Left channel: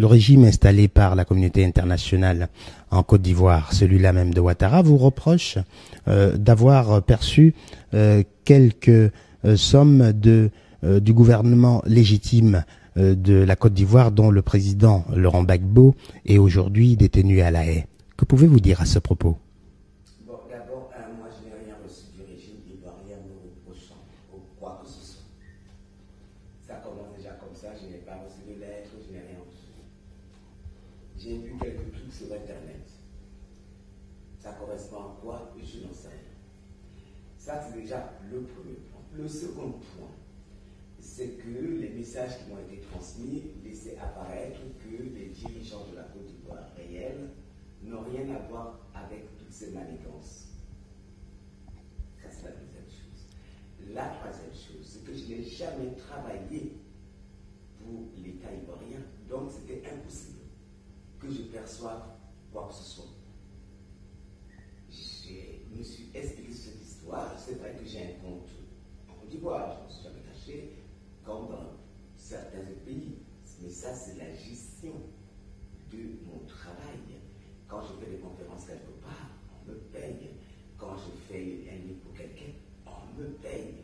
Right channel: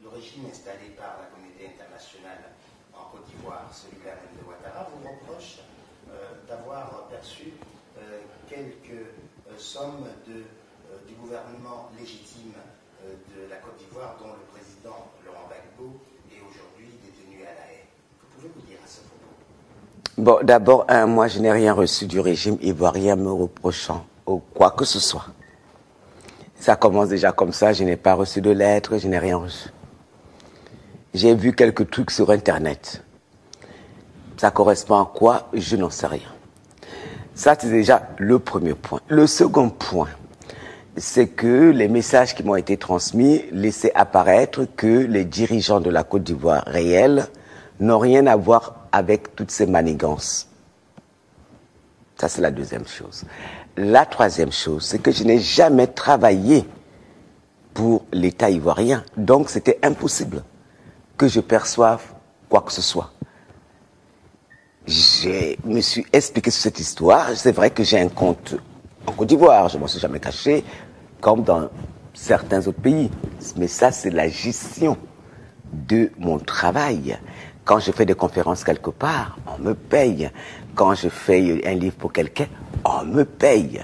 le régime installé par la communauté internationale en Côte d'Ivoire, celui-là même de Ouattara, vous reproche d'avoir perçu quelques sommes du gouvernement légitime de la Côte d'Ivoire, dont le président Laurent Gbagbo est aujourd'hui détenu à La Haye. Que pouvez-vous dire à ce propos? Bon, d'abord, moi, je n'ai rien reçu du régime ivoirien me reprochant ou quoi que ce soit. Ça commence déjà comme ça, je n'ai pas reçu de lettres, je n'ai rien reçu. J'ai vu quelques trucs sur Internet. Ça correspond à quoi? Je n'en sais rien. Ça, c'est déjà le premier point. Le second point, c'est que les messages qui m'ont été transmis laissaient apparaître que les dirigeants de la Côte d'Ivoire réelle n'ont rien à voir avec toutes ces manigances. Ça, c'est la deuxième chose. La troisième chose, c'est que je n'ai jamais travaillé pour l'État ivoirien. Donc, c'était impossible que je perçoive quoi que ce soit. Je me suis expliqué sur cette histoire. C'est vrai que j'ai un compte en Côte d'Ivoire. Je ne m'en suis jamais caché, comme dans certains autres pays. Mais ça, c'est la gestion de mon travail. Quand je fais des conférences quelque part, on me paye. Quand je fais un livre pour quelqu'un, on me paye.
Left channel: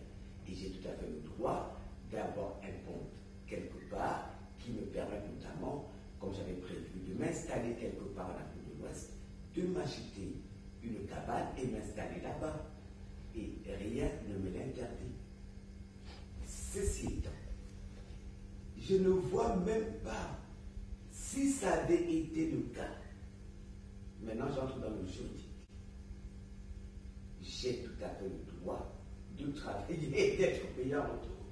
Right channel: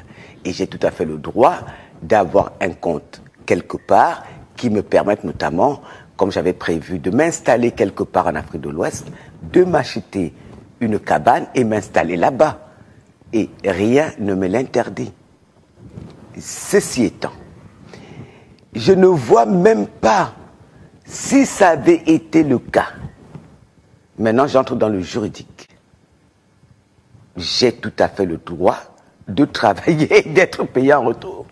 Et j'ai tout à fait le droit d'avoir un compte quelque part qui me permette notamment, comme j'avais prévu, de m'installer quelque part en Afrique de l'Ouest, de m'acheter une cabane et m'installer là-bas. Et rien ne me l'interdit. Ceci étant, je ne vois même pas si ça avait été le cas. Maintenant, j'entre dans le juridique. J'ai tout à fait le droit de travailler et d'être payé en retour.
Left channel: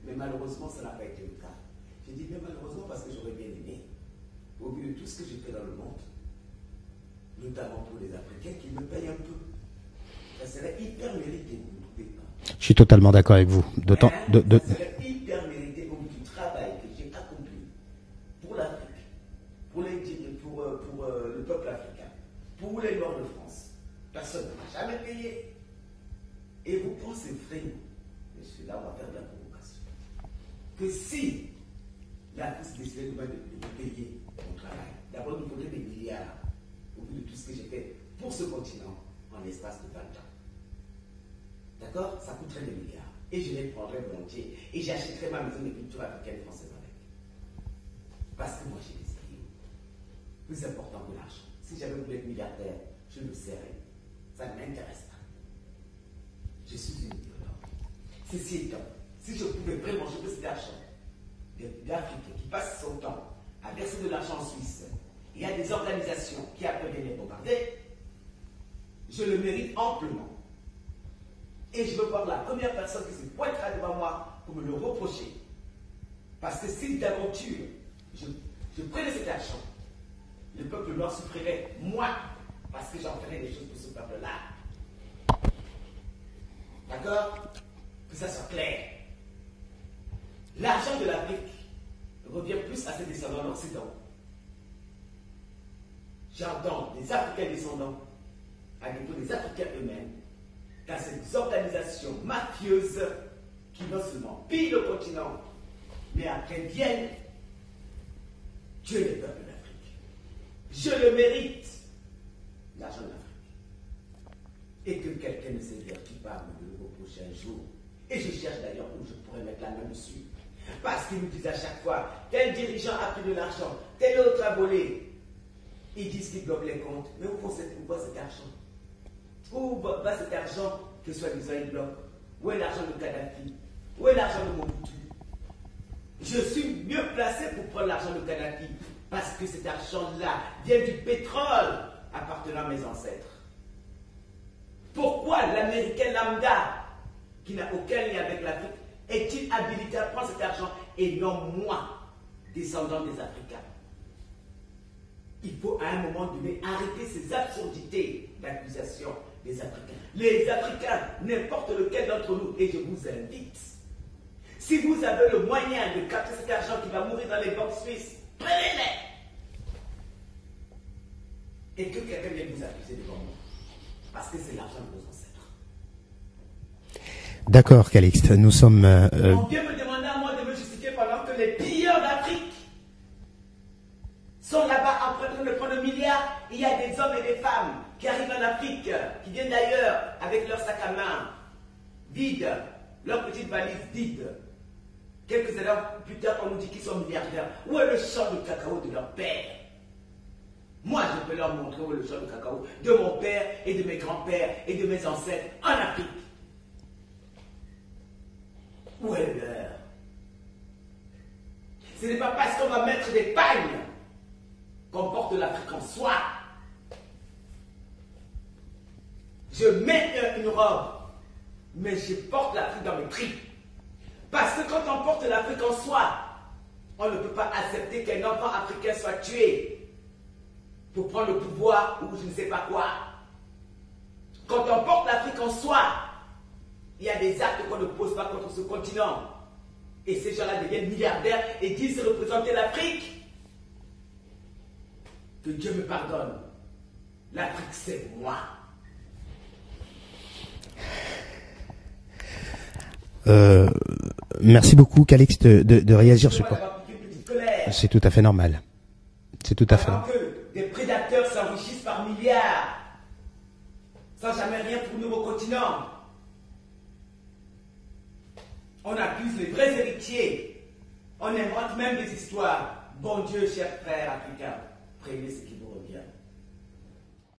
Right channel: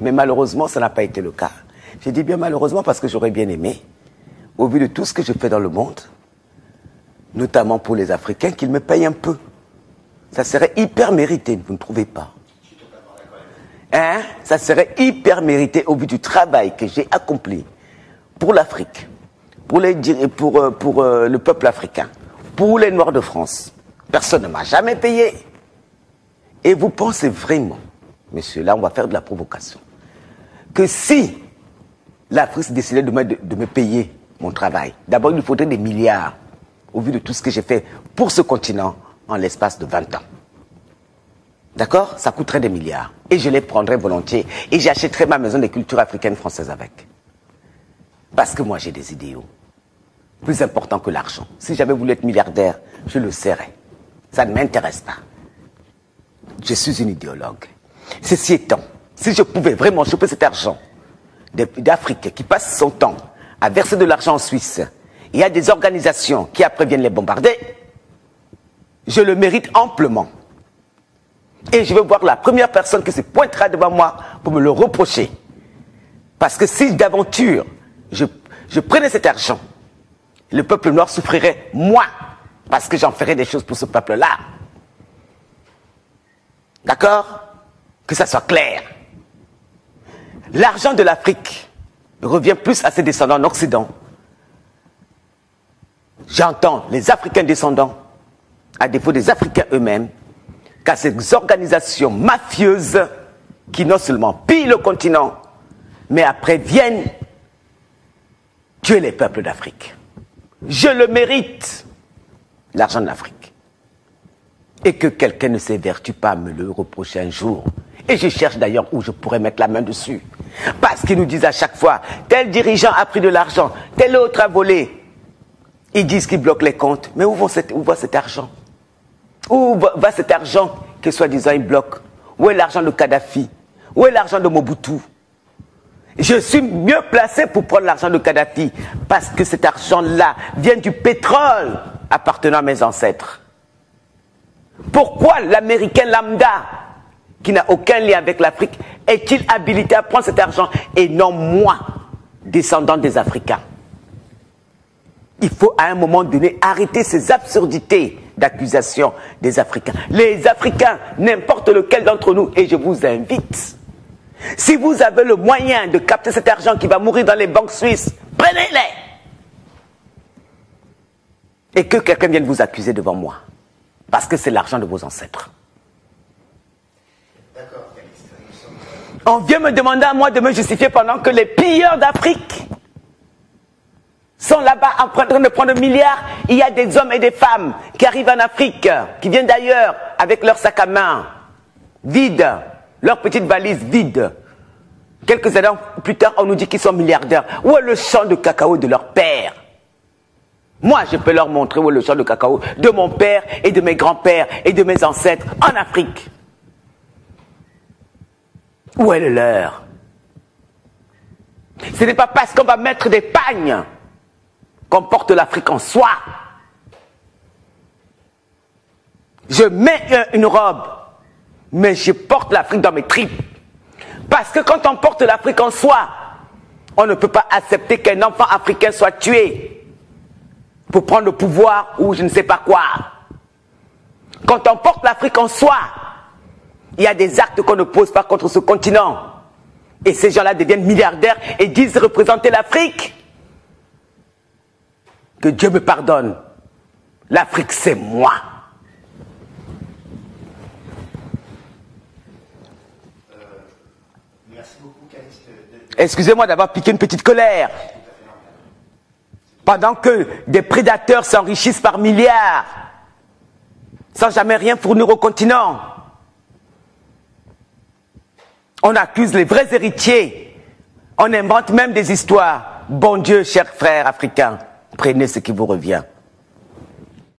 Mais malheureusement, ça n'a pas été le cas. Je dis bien malheureusement parce que j'aurais bien aimé, au vu de tout ce que je fais dans le monde, notamment pour les Africains, qu'ils me payent un peu. Ça serait hyper mérité, vous ne trouvez pas? Je suis totalement d'accord avec vous. Ça serait hyper mérité au vu du travail que j'ai accompli pour l'Afrique, pour le peuple africain, pour les Noirs de France. Personne ne m'a jamais payé. Et vous pensez vraiment, messieurs, là on va faire de la provocation, que si l'Afrique décidait de me payer mon travail, d'abord il lui faudrait des milliards, au vu de tout ce que j'ai fait pour ce continent en l'espace de 20 ans. D'accord? Ça coûterait des milliards. Et je les prendrais volontiers. Et j'achèterais ma maison de culture africaine française avec. Parce que moi j'ai des idéaux plus importants que l'argent. Si j'avais voulu être milliardaire, je le serais. Ça ne m'intéresse pas. Je suis une idéologue. Ceci étant, si je pouvais vraiment choper cet argent d'Afrique qui passe son temps à verser de l'argent en Suisse, il y a des organisations qui après viennent les bombarder, je le mérite amplement. Et je veux voir la première personne qui se pointera devant moi pour me le reprocher. Parce que si d'aventure je prenais cet argent, le peuple noir souffrirait moins, parce que j'en ferais des choses pour ce peuple-là. D'accord? Que ça soit clair. L'argent de l'Afrique revient plus à ses descendants en Occident. J'entends les Africains descendants, à défaut des Africains eux-mêmes, qu'à ces organisations mafieuses qui non seulement pillent le continent, mais après viennent tuer les peuples d'Afrique. Je le mérite, l'argent de l'Afrique. Et que quelqu'un ne s'évertue pas à me le reprocher un jour. Et je cherche d'ailleurs où je pourrais mettre la main dessus. Parce qu'ils nous disent à chaque fois, tel dirigeant a pris de l'argent, tel autre a volé. Ils disent qu'ils bloquent les comptes. Mais où va cet argent? Où va cet argent que soi-disant ils bloquent? Où est l'argent de Kadhafi? Où est l'argent de Mobutu? Je suis mieux placé pour prendre l'argent de Kadhafi parce que cet argent-là vient du pétrole appartenant à mes ancêtres. Pourquoi l'Américain lambda, qui n'a aucun lien avec l'Afrique, est-il habilité à prendre cet argent et non moi, descendant des Africains? Il faut à un moment donné arrêter ces absurdités d'accusation des Africains. Les Africains, n'importe lequel d'entre nous, et je vous invite, si vous avez le moyen de capter cet argent qui va mourir dans les banques suisses, prenez-les. Et que quelqu'un vienne vous accuser devant moi. Parce que c'est l'argent de vos ancêtres. D'accord, Calixte, nous sommes... On vient me demander à moi de me justifier pendant que les pilleurs d'Afrique sont là-bas en train de prendre milliards. Il y a des hommes et des femmes qui arrivent en Afrique, qui viennent d'ailleurs avec leur sac à main vide, leur petite valise vide. Quelques années plus tard, on nous dit qu'ils sont milliardaires. Où est le champ de cacao de leur père? Moi, je peux leur montrer où est le champ de cacao de mon père et de mes grands-pères et de mes ancêtres en Afrique. Où est le leur? Ce n'est pas parce qu'on va mettre des pagnes qu'on porte l'Afrique en soi. Je mets une robe, mais je porte l'Afrique dans mes tripes. Parce que quand on porte l'Afrique en soi, on ne peut pas accepter qu'un enfant africain soit tué pour prendre le pouvoir ou je ne sais pas quoi. Quand on porte l'Afrique en soi, il y a des actes qu'on ne pose pas contre ce continent. Et ces gens-là deviennent milliardaires et disent représenter l'Afrique. Que Dieu me pardonne. L'Afrique, c'est moi. Merci beaucoup, Calixte, de excusez-moi d'avoir piqué une petite colère. C'est tout à fait normal. Pendant que des prédateurs s'enrichissent par milliards, sans jamais rien fournir au continent, on accuse les vrais héritiers. On invente même des histoires. Bon Dieu, chers frères africains, prenez ce qui vous revient.